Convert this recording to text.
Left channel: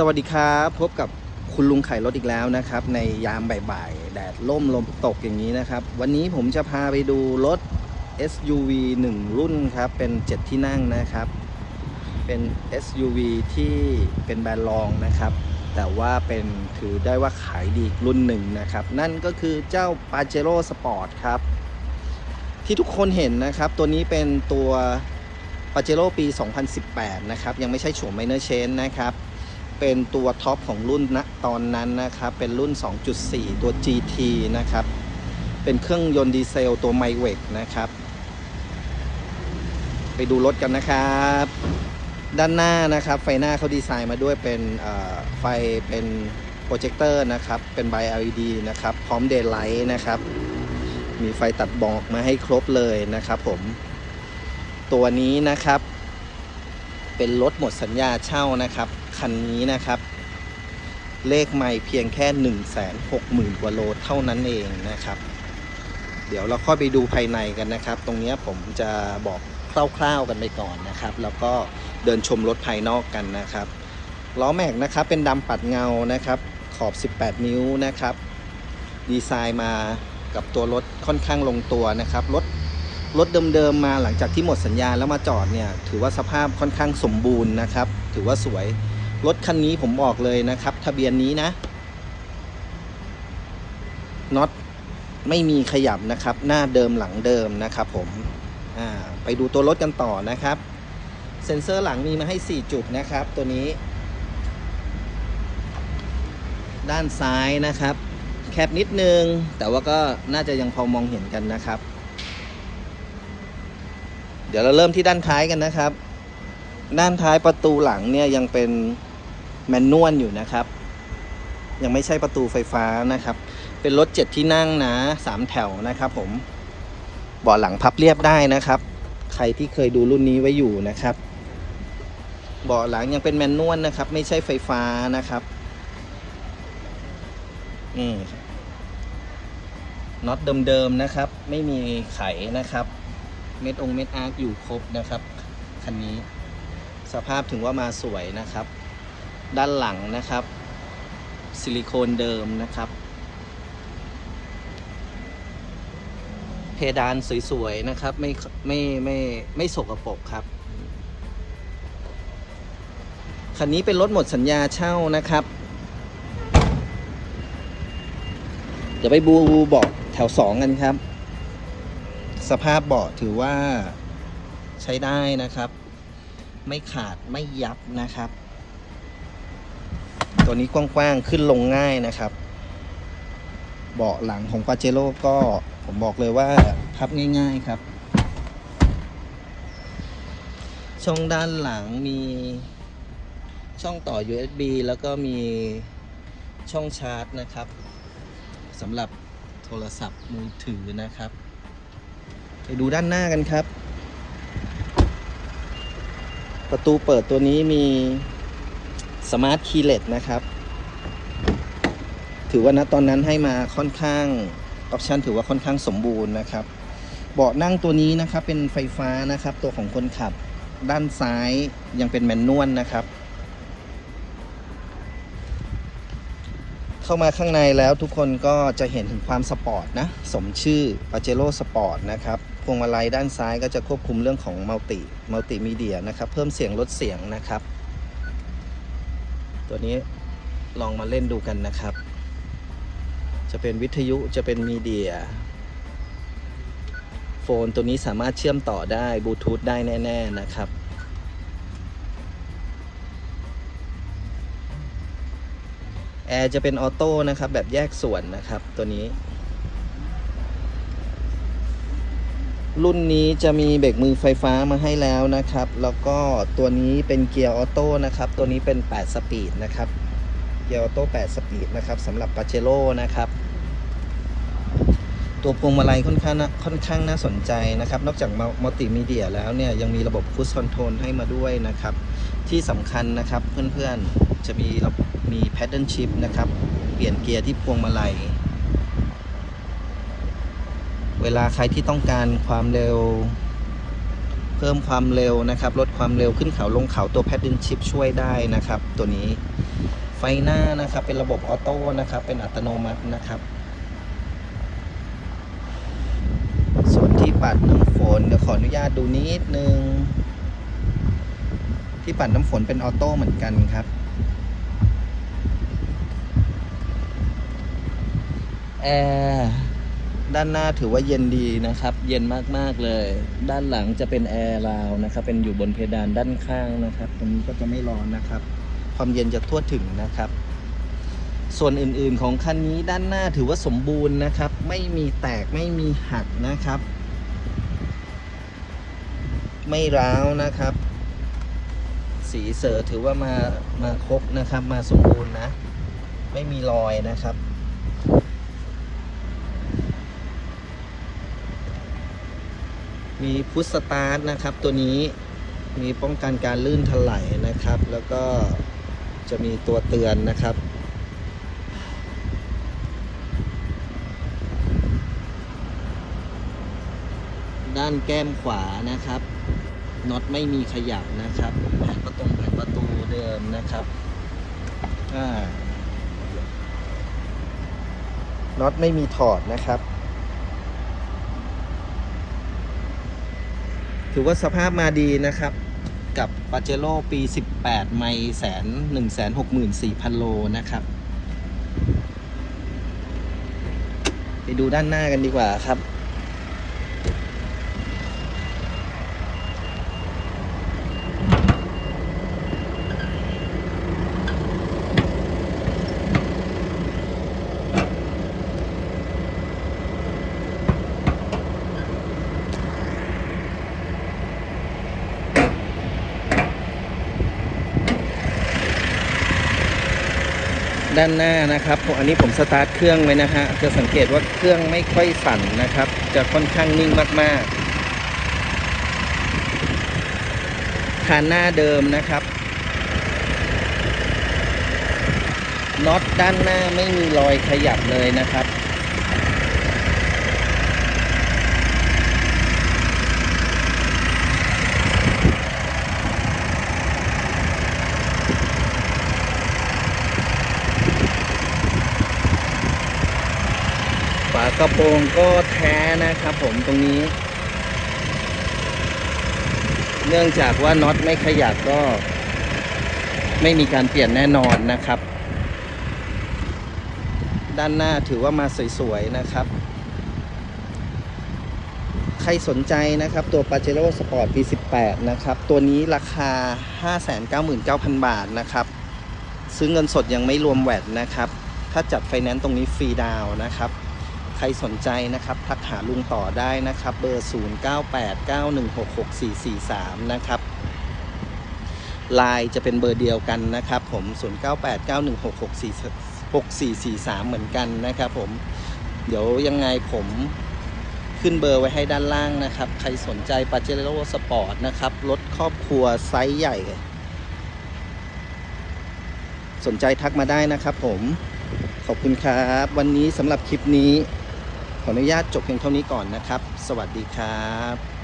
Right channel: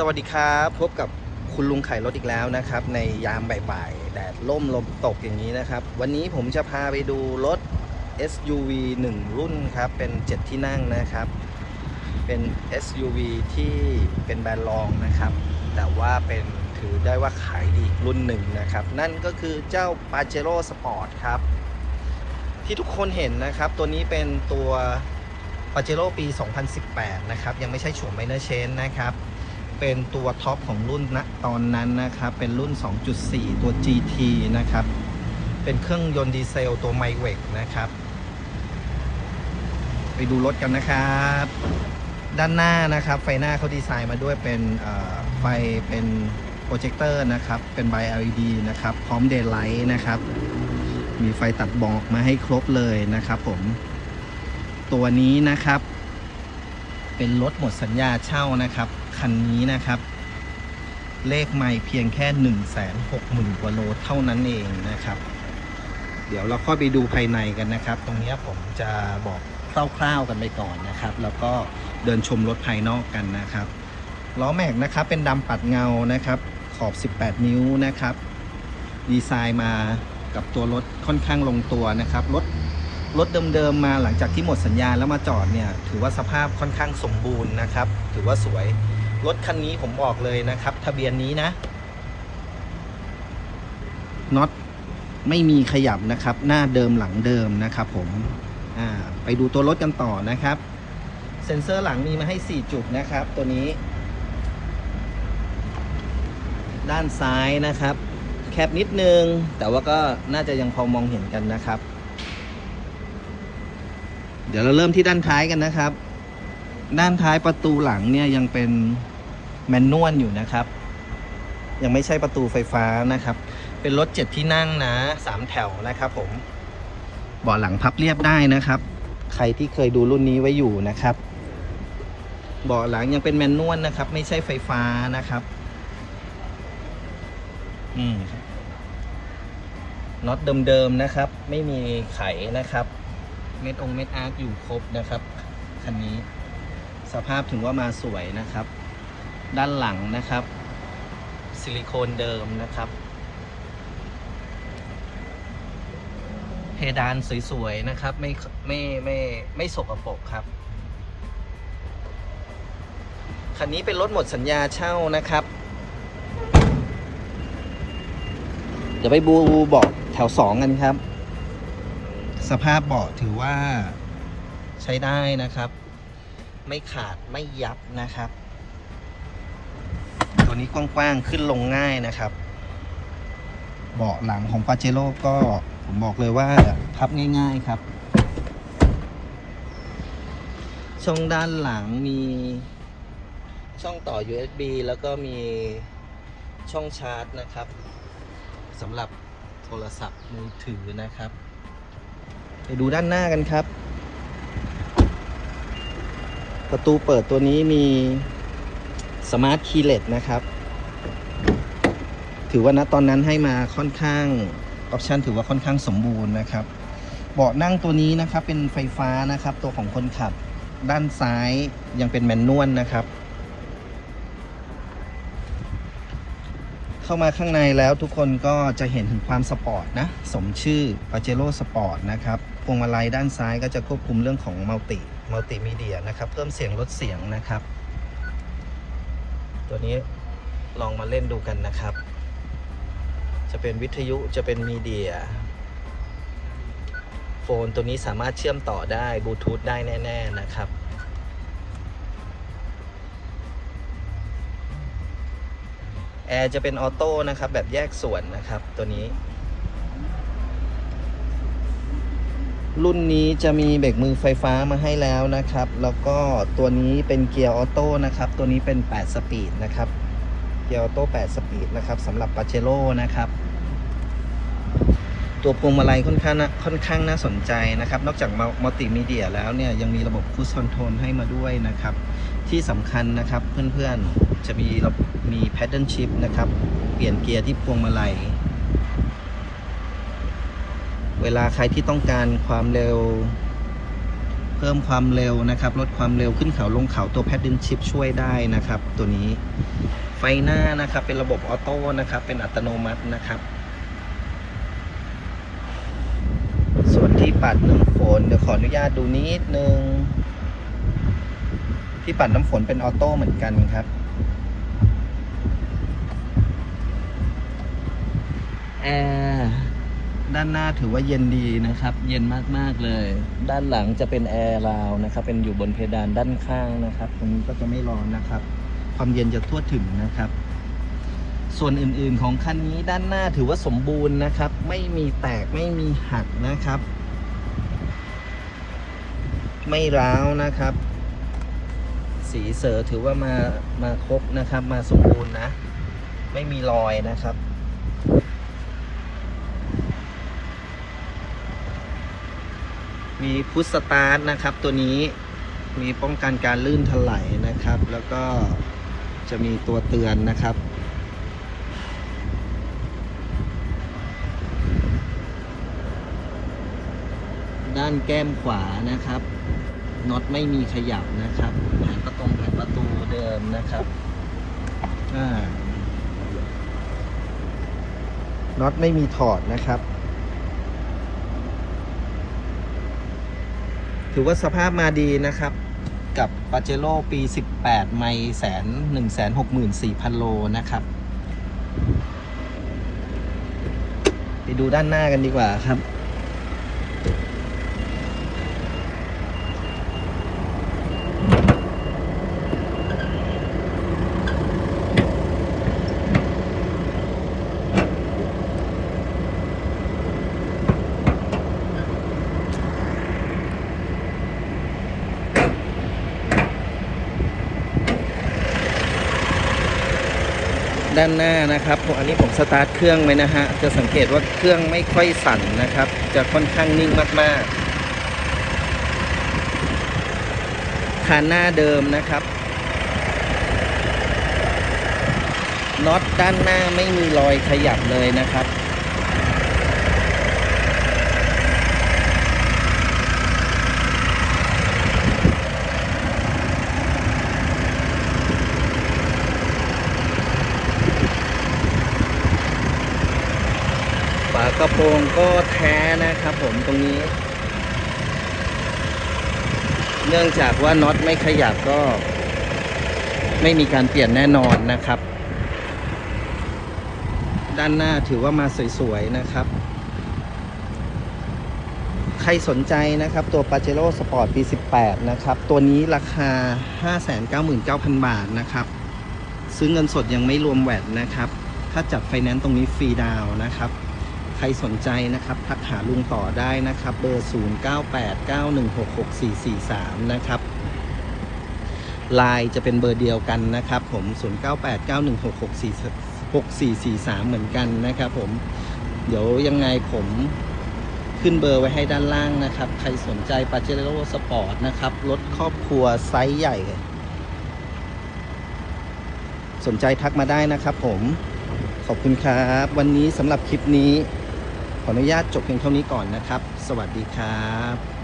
สวัสดีครับ พบกับคุณลุงไข่รถอีกแล้วนะครับ ในยามบ่ายๆแดดล่มลมตกอย่างนี้นะครับ วันนี้ผมจะพาไปดูรถ SUV 1 รุ่นครับ เป็น 7 ที่นั่งนะครับ เป็น SUV ที่เป็นแบรนด์รองนะครับ แต่ว่าเป็นถือได้ว่าขายดีรุ่นหนึ่งนะครับ นั่นก็คือเจ้า Pajero Sport ครับ ที่ทุกคนเห็นนะครับ ตัวนี้เป็นตัว Pajero ปี 2018 นะครับ ยังไม่ใช่โฉม Minor Change นะครับ เป็นตัวท็อปของรุ่นณตอนนั้นนะครับ เป็นรุ่น 2.4 ตัว GT นะครับ เป็นเครื่องยนต์ดีเซลตัวไมเวกนะครับ ไปดูรถกันนะครับ ด้านหน้านะครับ ไฟหน้าเขาดีไซน์มาด้วยเป็นไฟเป็นโปรเจคเตอร์นะครับ เป็นไบ LED นะครับ พร้อมเดย์ไลท์นะครับ มีไฟตัดหมอกมาให้ครบเลยนะครับผม ตัวนี้นะครับ เป็นรถหมดสัญญาเช่านะครับ คันนี้นะครับ เลขไม่เพียงแค่ 1 6 0 0 0 0 กว่าโลเท่านั้นเองนะครับ เดี๋ยวเราค่อยไปดูภายในกันนะครับ ตรงนี้ผมจะบอกคร่าวๆกันไปก่อนนะครับ แล้วก็เดินชมรถภายนอกกันนะครับล้อแม็กนะครับเป็นดำปัดเงานะครับขอบ 18 นิ้วนะครับ ดีไซน์มากับตัวรถค่อนข้างลงตัวนะครับ รถรถเดิมๆมาหลังจากที่หมดสัญญาแล้วมาจอดเนี่ย ถือว่าสภาพค่อนข้างสมบูรณ์นะครับ ถือว่าสวย รถคันนี้ผมบอกเลยนะครับ ทะเบียนนี้นะน็อตไม่มีขยับนะครับ หน้าเดิมหลังเดิมนะครับผมไปดูตัวรถกันต่อนะครับ เซ็นเซอร์หลังมีมาให้ 4 จุดนะครับ ตัวนี้ ด้านซ้ายนะครับ แคบนิดนึง แต่ว่าก็น่าจะยังพอมองเห็นกันนะครับ เดี๋ยวเราเริ่มที่ด้านท้ายกันนะครับ ด้านท้ายประตูหลังเนี่ยยังเป็น แมนนวลอยู่นะครับ ยังไม่ใช่ประตูไฟฟ้านะครับ เป็นรถเจ็ดที่นั่งนะสามแถวนะครับ ผมเบาะหลังพับเรียบได้นะครับ ใครที่เคยดูรุ่นนี้ไว้อยู่นะครับเบาะหลังยังเป็นแมนนวลนะครับ ไม่ใช่ไฟฟ้านะครับนี่น็อตเดิมๆนะครับ ไม่มีไขนะครับ เม็ดองเม็ดอาร์คอยู่ครบนะครับคันนี้สภาพถือว่ามาสวยนะครับ ด้านหลังนะครับ ซิลิโคนเดิมนะครับ เพดานสวยๆนะครับ ไม่ไม่ไม่ไม่สกปรกครับ คันนี้เป็นรถหมดสัญญาเช่านะครับ เดี๋ยวไปบูเบาะแถวสองกันครับ สภาพเบาะถือว่าใช้ได้นะครับ ไม่ขาดไม่ยับนะครับ ตัวนี้กว้างๆ ขึ้นลงง่ายนะครับ เบาะหลังของปาเจโร่ก็ผมบอกเลยว่าพับง่าย ๆครับ ช่องด้านหลังมีช่องต่อ USB แล้วก็มีช่องชาร์จนะครับสำหรับโทรศัพท์มือถือนะครับไปดูด้านหน้ากันครับ ประตูเปิดตัวนี้มี สมาร์ทคีเลสนะครับ ถือว่าณตอนนั้นให้มาค่อนข้าง ออปชันถือว่าค่อนข้างสมบูรณ์นะครับ เบาะนั่งตัวนี้นะครับเป็นไฟฟ้านะครับ ตัวของคนขับด้านซ้ายยังเป็นแมนนวลนะครับ เข้ามาข้างในแล้วทุกคนก็จะเห็นถึงความสปอร์ตนะ สมชื่อ Pajero Sport นะครับพวงมาลัยด้านซ้ายก็จะควบคุมเรื่องของมัลติมัลติมีเดียนะครับ เพิ่มเสียงลดเสียงนะครับ ตัวนี้ลองมาเล่นดูกันนะครับ จะเป็นวิทยุจะเป็นมีเดีย โฟนตัวนี้สามารถเชื่อมต่อได้บลูทูธได้แน่ ๆ นะครับ แอร์จะเป็นออโต้นะครับ แบบแยกส่วนนะครับตัวนี้ รุ่นนี้จะมีเบรกมือไฟฟ้ามาให้แล้วนะครับ แล้วก็ตัวนี้เป็นเกียร์ออโต้นะครับ ตัวนี้เป็น 8 สปีดนะครับ เกียร์ออโต้ 8 สปีดนะครับสำหรับปาเจโร่นะครับ ตัวพวงมาลัยค่อนข้างน่าค่อนข้างน่าสนใจนะครับ นอกจากมัลติมีเดียแล้วเนี่ยยังมีระบบคู i คอนโทรลให้มาด้วยนะครับ ที่สำคัญนะครับเพื่อนๆ จะมีระบบมี paddle shift นะครับ เปลี่ยนเกียร์ที่พวงมาลัย เวลาใครที่ต้องการความเร็ว เพิ่มความเร็วนะครับ ลดความเร็วขึ้นเขาลงเขาตัวแพดดินชิพช่วยได้นะครับ ตัวนี้ไฟหน้านะครับ เป็นระบบออโต้นะครับ เป็นอัตโนมัตินะครับ ส่วนที่ปัดน้ำฝนเดี๋ยวขออนุญาตดูนิดนึง ที่ปัดน้ำฝนเป็นออโต้เหมือนกันครับแอร์ ด้านหน้าถือว่าเย็นดีนะครับ เย็นมากๆเลย ด้านหลังจะเป็นแอร์ราวนะครับ เป็นอยู่บนเพดานด้านข้างนะครับ ตรงนี้ก็จะไม่ร้อนนะครับ ความเย็นจะทั่วถึงนะครับ ส่วนอื่นๆของคันนี้ด้านหน้าถือว่าสมบูรณ์นะครับ ไม่มีแตกไม่มีหักนะครับ ไม่ร้าวนะครับ สีเสือถือว่ามามาครบนะครับ มาสมบูรณ์นะ ไม่มีรอยนะครับ มีพุทสตาร์ทนะครับ ตัวนี้มีป้องกันการลื่นถลายนะครับ แล้วก็จะมีตัวเตือนนะครับ ด้านแก้มขวานะครับน็อตไม่มีขยับนะครับแผงประตงแผงประตูเดิมนะครับน็อตไม่มีถอดนะครับ ถือว่าสภาพมาดีนะครับ กับปาเจโร่ปี 18 ไมล์แสน1 6 4 0 0 0โลนะครับ ไปดูด้านหน้ากันดีกว่าครับ ด้านหน้านะครับอันนี้ผมสตาร์ทเครื่องไว้นะฮะจะสังเกตว่าเครื่องไม่ค่อยสั่นนะครับ จะค่อนข้างนิ่งมากๆคานหน้าเดิมนะครับน็อตด้านหน้าไม่มีรอยขยับเลยนะครับ กระโปรงก็แท้นะครับผมตรงนี้ เนื่องจากว่าน็อตไม่ขยับก็ ไม่มีการเปลี่ยนแน่นอนนะครับ ด้านหน้าถือว่ามาสวยๆนะครับ ใครสนใจนะครับตัว Pajero Sport ปี18 นะครับ ตัวนี้ราคา 599,000 บาทนะครับซื้อเงินสดยังไม่รวมแวดนะครับ ถ้าจัดไฟแนนซ์ตรงนี้ฟรีดาวนะครับ ใครสนใจนะครับทักหาลุงต่อได้นะครับเบอร์ 0989166443 นะครับไลน์จะเป็นเบอร์เดียวกันนะครับผม 0989166443 เหมือนกันนะครับผม เดี๋ยวยังไงผมขึ้นเบอร์ไว้ให้ด้านล่างนะครับ ใครสนใจปาเจโร่สปอร์ตนะครับ รถครอบครัวไซส์ใหญ่ สนใจทักมาได้นะครับผม ขอบคุณครับ วันนี้สำหรับคลิปนี้ ขออนุญาตจบเพียงเท่านี้ก่อนนะครับ สวัสดีครับ